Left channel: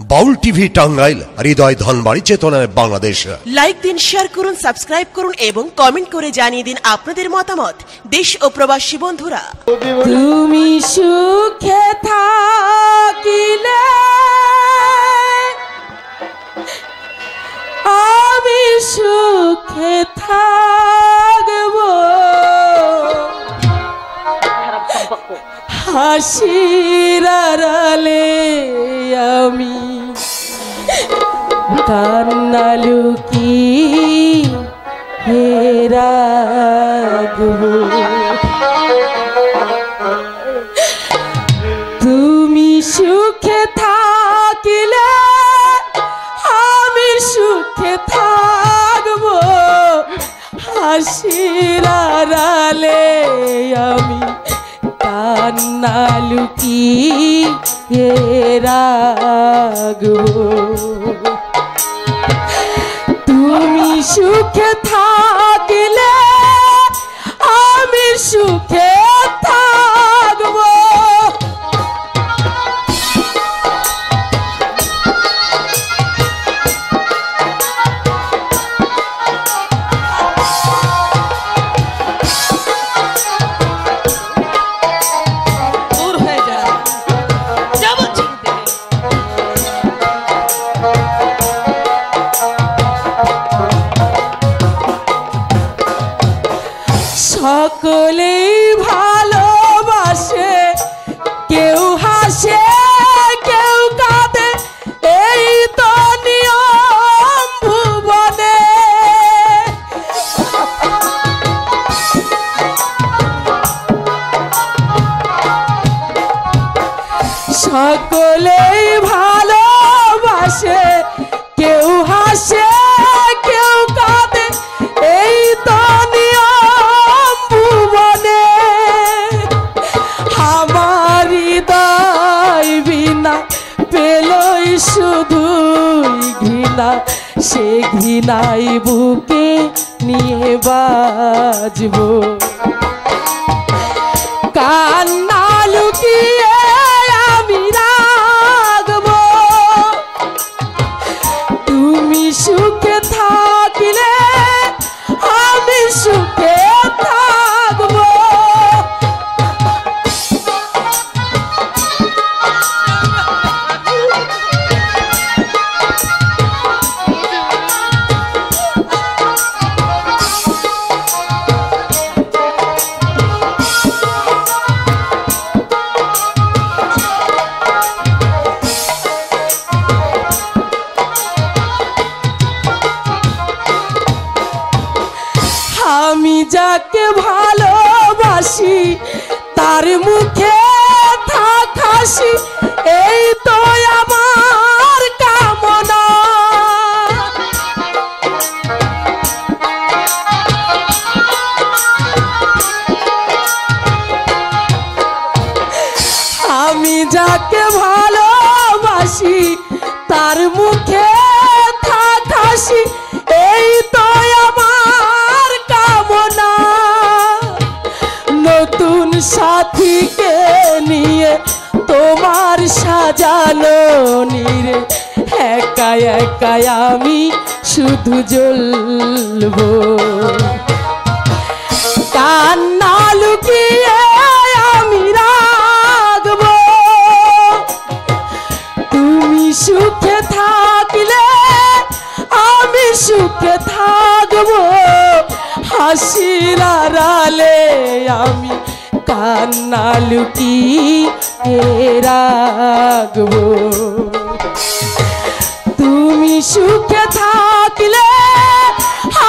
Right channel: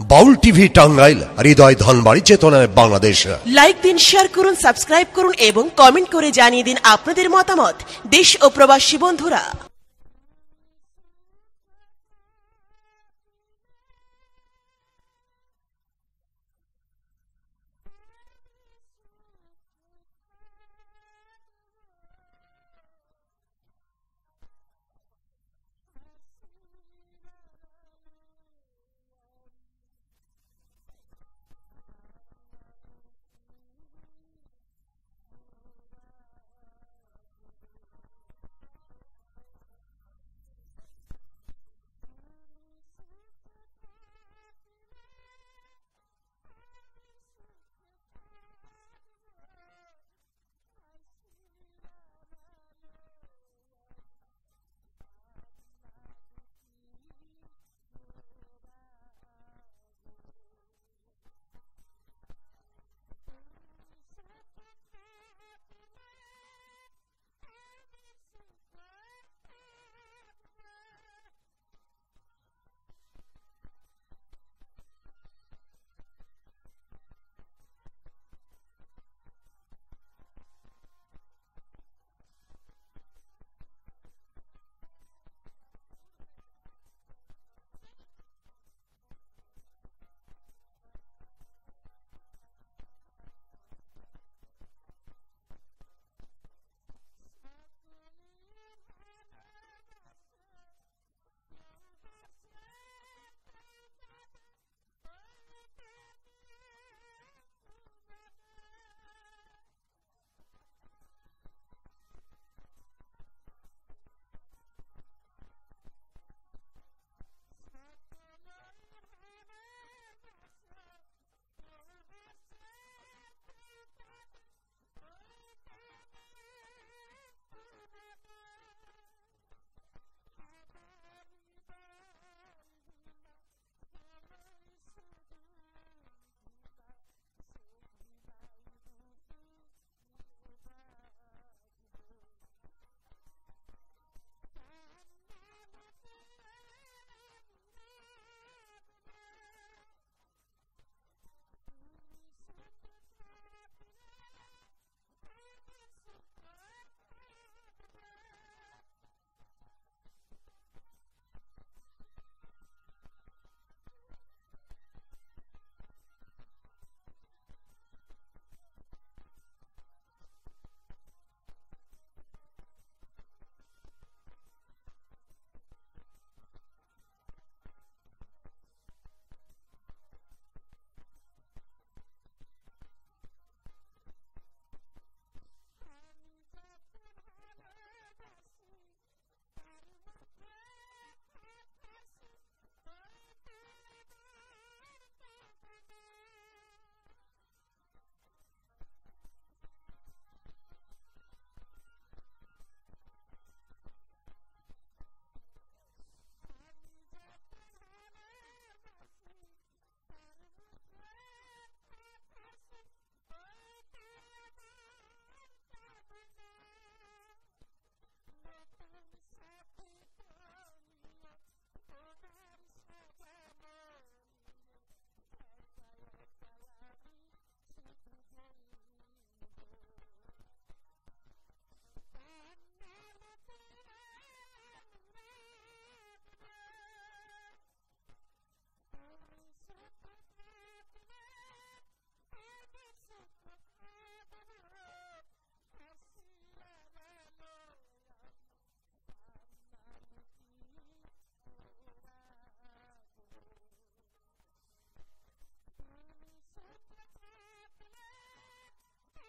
বাউল TV Tangail, হৃদয় ধনবাড়ি, চেতনায় Bangladesh. Like দিন, share করুন, সাবস্ক্রাইব করুন এবং কমেন্ট করে জানিয়ে দিন আপনাদের মতামত। দেশ ও প্রবাসী বন্ধুরা, তুমি সুখে থাকিলে আমি সুখে থাকব, হাসির আড়ালে আমি কান্না লুকিয়ে রাখব। তুমি সুখে থাকিলে আমি সুখে থাকব, হাসির আড়ালে আমি কান্না লুকিয়ে রাখব। তুমি সুখে থাকিলে আমি সুখে থাকব। সকলেই ভালোবাসে, কেউ হাসে কেউ কাঁদে, এই তো নিয়ম ভুবনে। সকলেই ভালোবাসে, কেউ হাসে কেউ কাঁদে, এই তো নিয়ম ভুবনে। আমার হৃদয় বিনা পেলই শুধুই ঘৃণা, সে ঘৃণাই বুকে নিয়ে বাজব। কান্না লুকিয়ে আমি রাখব। তুমি সুখে থাকিলে আমি সুখে থাকব। আমি যাকে ভালোবাসি তার মুখে থাক হাসি, এই তো আমার কামনা। আমি যাকে ভালোবাসি তার মুখে থাক হাসি, এই তো আমার কামনা। নতুন সাথীকে নিয়ে তোমার সাজানো নিরে, একা একা আমি শুধু জ্বলব। কান্না লুকিয়ে আমি রাখব। তুমি সুখে থাকিলে আমি সুখে থাকব, হাসির আড়ালে আমি কান্না লুকিয়ে রাখব। তুমি সুখে থাকিলে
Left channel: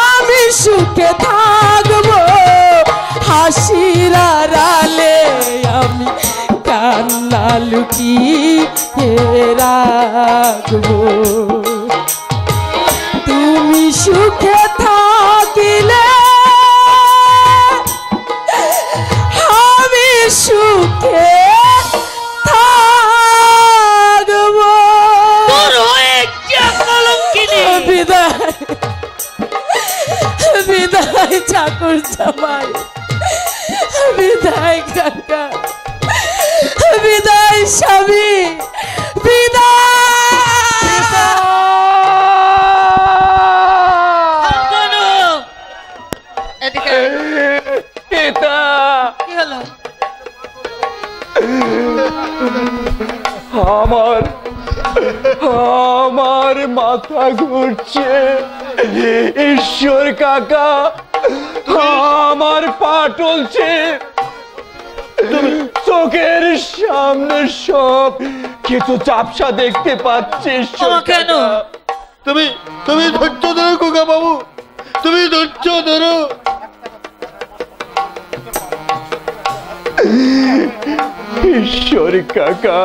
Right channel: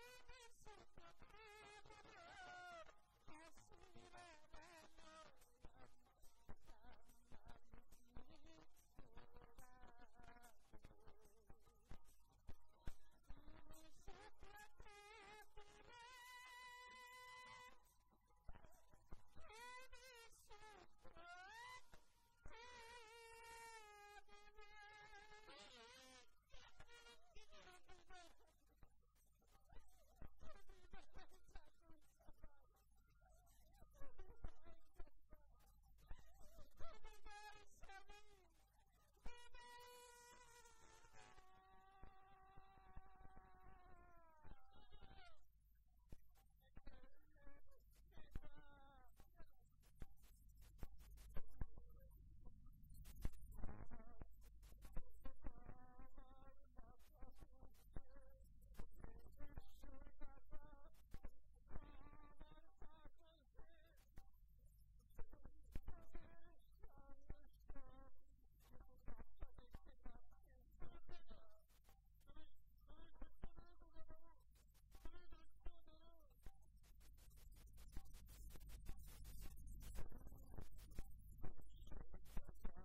আমি সুখে থাকব, হাসির আড়ালে আমি কান্না লুকিয়ে রাখব। তুমি সুখে থাকিলে আমি সুখে থাকব। বিদায় বিদায় চাকর জামাই, বিদায় কাকা, বিদায় স্বামী, বিদায়। আমার মাথা ঘুরছে ঈশ্বর কাকা, আমার পা টলছে, চোখের সামনে সব কিছু চাপসা দেখতে পাচ্ছি। কেন? তুমি ধৈর্য ধরো খোকা বাবু, তুমি ধৈর্য ধরো। ঈশ্বর কাকা,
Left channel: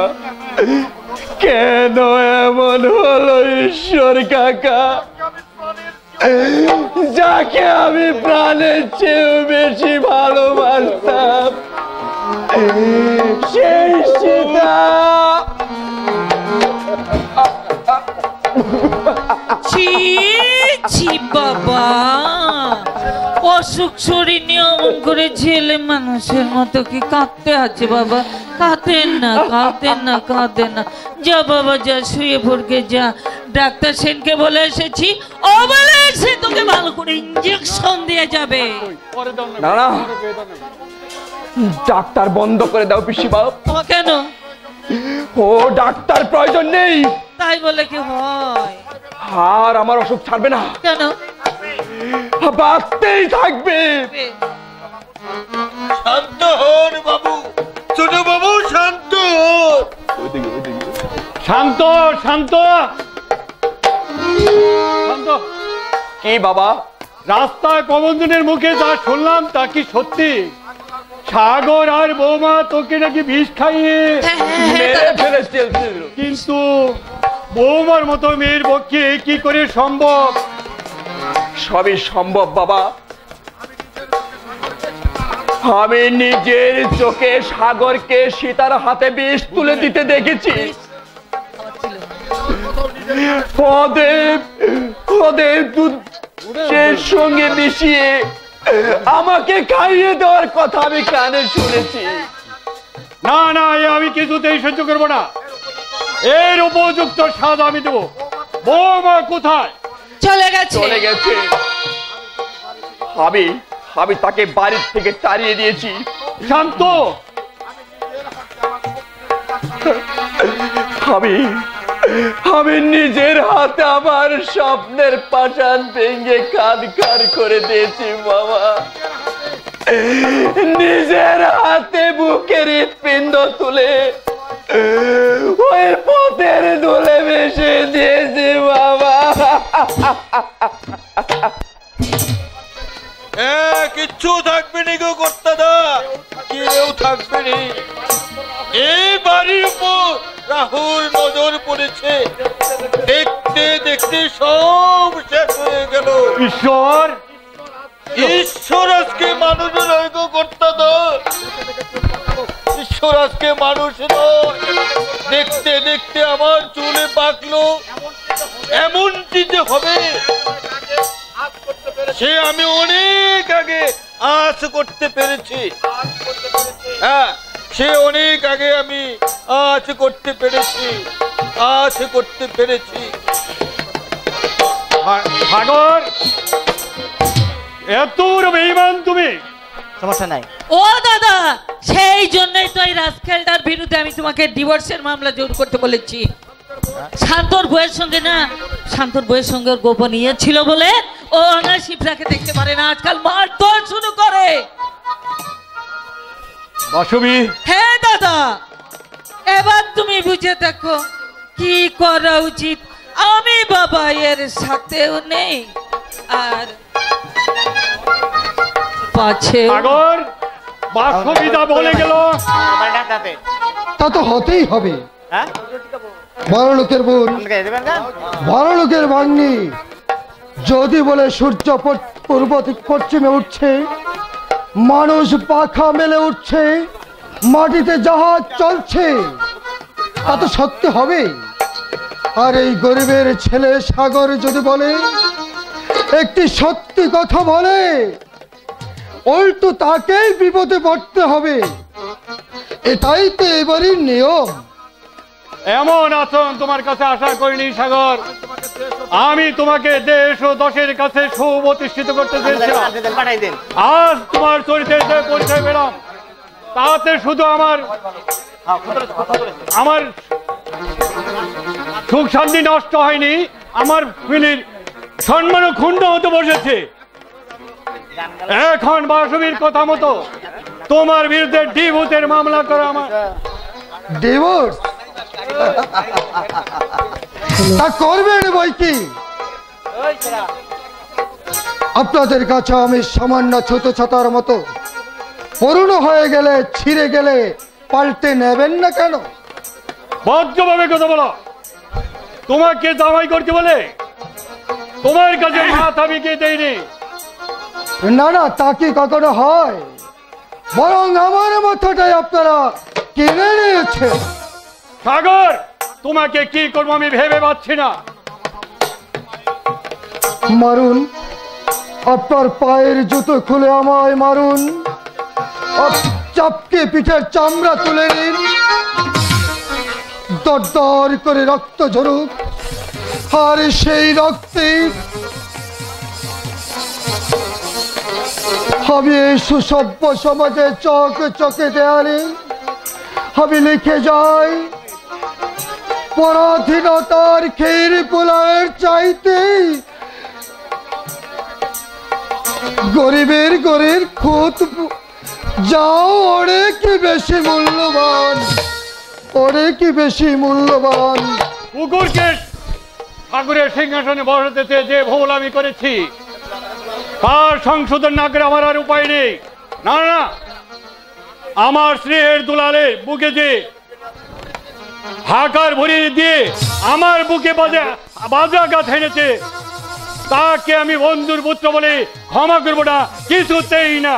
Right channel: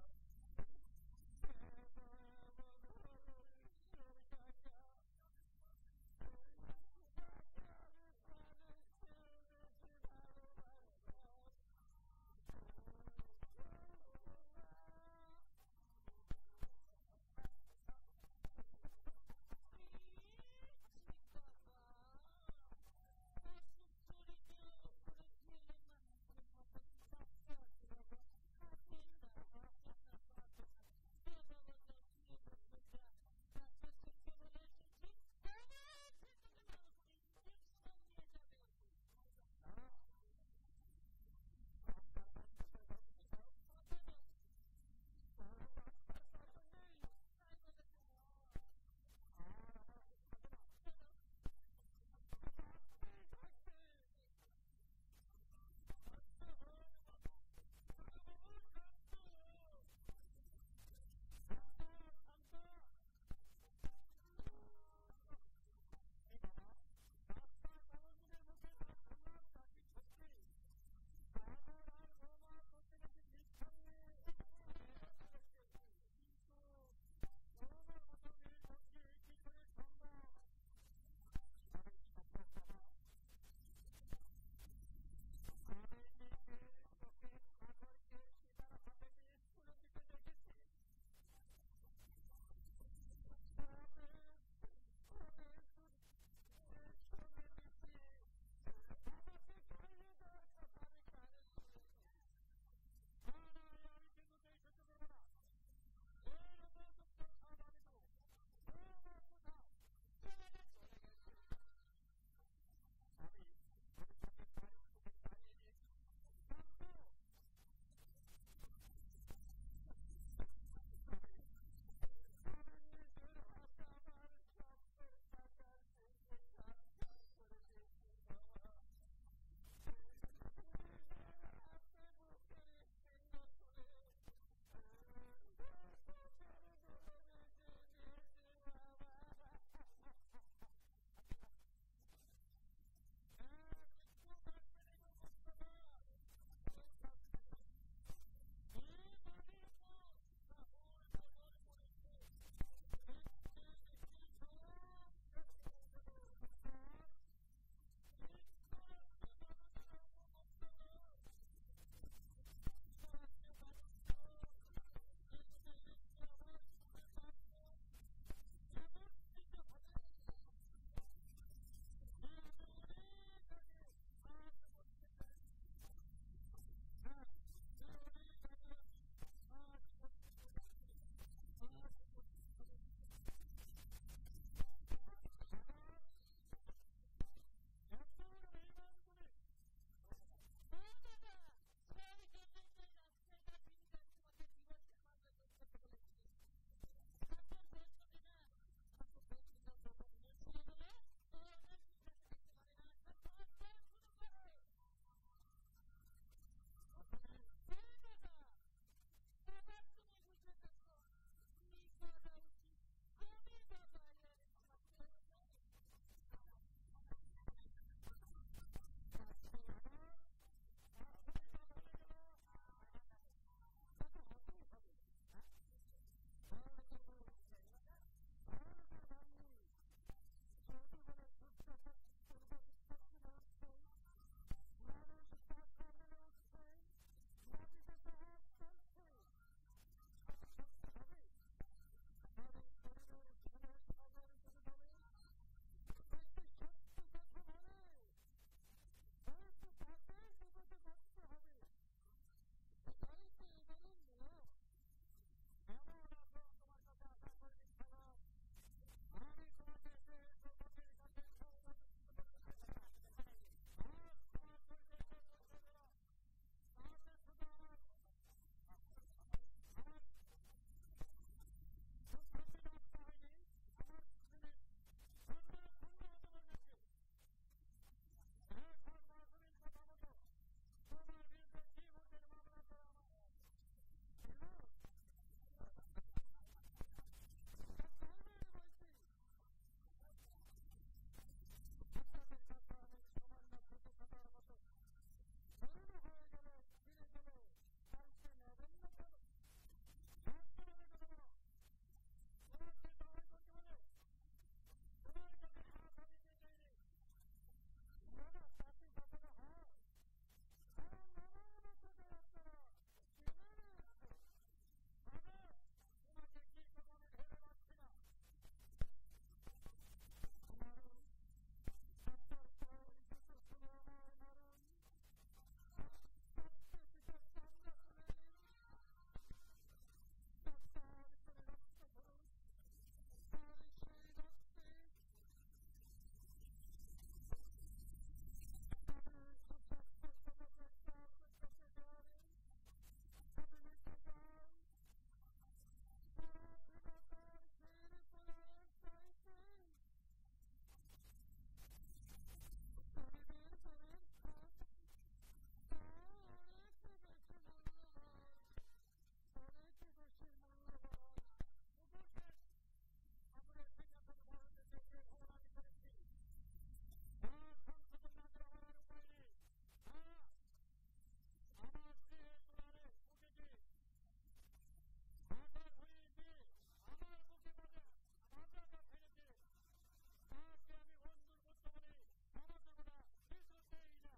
কেন এমন হলো ঈশ্বর কাকা? যাকে আমি প্রাণের চেয়েও বেশি ভালোবাসতাম, সেই সীতা ছি ছি বাবা, অসুখ শরীর নিয়ে অমন করে ছেলে মানুষের মতো কি কাঁদতে আছে বাবা? কাঁদেন না, কাঁদেন না, কাঁদেন না। যা বাবা যা, শুয়ে পড়কে যা। ডাক্তার সেনকে বলে এসেছি, ও বলে এসে তোকে ভালো করে ইঞ্জেকশন দিয়ে যাবে। না না, ডাক্তার বন্ধ করে দাও পিসি বাপ। কেন? ও ডাক্তার প্রয়োজন নেই। তাই বলে কি হয়? আর আমার অসুখ ছাড়বে না। কেন? বাঁচতেই থাকবে। শান্ত হন বাবু, ছোট বাবু শান্ত হন। শান্ত শান্ত শান্ত। কি বাবা? রাস্তায় প্রবন্ধনের মুখে যা শুনলাম তা কি সত্যি? সাগর আর বৌমা তোকে নাকি বিষ খাইয়ে মেরে ফেলেছে। কিন্তু বৌমার মতো মেয়ের পক্ষে কি করে সম্ভব? সবই সম্ভব বাবা। আমি নিজের চোখে সাগরকে সীতার হাতে বিষ তুলে দিতে দেখেছি। ওদের দুধের সঙ্গে মিশিয়ে আমাকে খাইয়ে দেওয়ার কথা আমি কানে শুনেছি। না না, আমি কিছুতেই সহ্য করবো না। এর উপযুক্ত স্বাদ আমি দেবো। বৌমা কোথায়? চলে গেছে। চলে গেছে। আমি তাকে বাড়ির থেকে তাড়িয়ে দিয়েছি। শান্ত। আমি নিজের হাতে আমার স্বপ্নের পাষাণ ভেঙে কাঁদকার করে দিয়েছি বাবা। নিজের হাতে বুকের হৃৎপিণ্ড তুলে ওই পথের দোলে ভেসে দিয়েছি বাবা। কিচ্ছু থাকবে নি গো কর্তাদা, কেউ থাকবে নি। এই বাড়ির উপর রাহুল নজর পড়েছে, দেখতে দেখতে সব শেষ হয়ে গেল। ঈশ্বর ঈশ্বর আজকে মানুষ নয় গো কর্তাদা, ঈশ্বর আজকে মানুষ নয়। দেখতে দেখতে আমার চুলে পাকলো, এমনটি যে হবে সে আমি অনেক আগে আশ করতে পেরেছি। হ্যাঁ, সে অনেক আগে আমি আশ করতে পেরেছি। সাগর, এত বেঈমান তুমি? সমস্যা নাই। ও দাদা, সেই জন্যই তো এই রাজখেলটার বিরুদ্ধে আমি তোমাকে ডিভোর্সের মামলা জোর করতে বলেছি। শান্তর বউয়ের সঙ্গে ওর গোপনীয় ছিল বলে ও না শিপ্রাকে দেখতে পারে না, আজকাল মারধর শুরু করে। বাসবী, হ্যাঁ দাদা, এবার তুমি বুঝে দেখো কি করা উচিত। আমি বাবা এর সাথেও নেই, আর পাছে সাগর বাসবিদা বলে গেল। তা তো হতেই হবে। বড় লোকের বোন, বড় লোকের ভাগ্নি যদি বলে সূর্য পূর্ব থেকে পশ্চিমে উঠছে, মানুষ পাখা মেলে উঠছে, মাটিতে জাহাজ চলছে, তা তো সত্যি হবে। আর এই গরিবের ছেলে সাগর যদি বলে একটি সত্যি কথা বলে, উল্টো তাকেই বিপদে পড়তে হবে। এটাই তো এবারই নিয়ম। এমন আচরণ তোমার কাছে আশা করিনি সাগর। আমি তোমাকে দেশ ও দশের কাছে সুপ্রতিষ্ঠিত করতে চেয়েছিলাম। আজ তোমার চরিত্রের যে পরিচয় পেলাম, তাতে শুধু আমার সুখ শান্তি নষ্ট হয়নি, আমার ফ্যামিলির সম্মানও ক্ষুণ্ণ হতে বসেছে। এখন বাসবীর কথা মতো তোমার বিরুদ্ধে ডিভোর্সের মামলা করা আমার। ডিভোর্স তা করবেন বই কি? আপনাদের কাছে আমি সামান্য ছোট ছাতার মতো, পুরনো হয়ে গেলে ছিঁড়ে গেলে পাল্টে নেবেন না কেন? ভদ্রভাবে কথা বলো। তোমাকে জামাই করতে বলে তোমার কাছে মাথা বিকিয়ে দেয়নি। না না, তা কি কখনো হয়? বরং আমার মাথাটাই আপনারা কিনে নিয়েছেন। সাগর, তোমাকে কি করবো আমি ভেবে পাচ্ছি না। মারুন, আপনার পায়ের জুতো খুলে আমায় মারুন, চাপকে পিঠের চামড়া তুলে নিন, দরদর করে রক্ত ঝরুক, আর সেই রক্তে আমি এই সুসভ্য সমাজে চোখে চোখে দেয়ালে আমি লিখে যাই, পরাধীনতার ক্ষীর পোলায়ের চাইতে গরিবের গরিব খুদ যাও অনেক বেশি মূল্যবান, অনেক বেশি মূল্যবান। কুকুরকে ঠাকুরের সিংহাসনে বসাতে যে ভুল আমি করেছি তার সংশোধন না করে আমার আর উপায় নেই। না না, আমার স্নেহের দুলালে বুকে যে হাকার ভরিয়ে দিয়ে আমার বুকে বাজাঘাত এনেছে তাকে আমি বন্ধুর পুত্র বলে ক্ষমা করবো না, কিছুতেই না।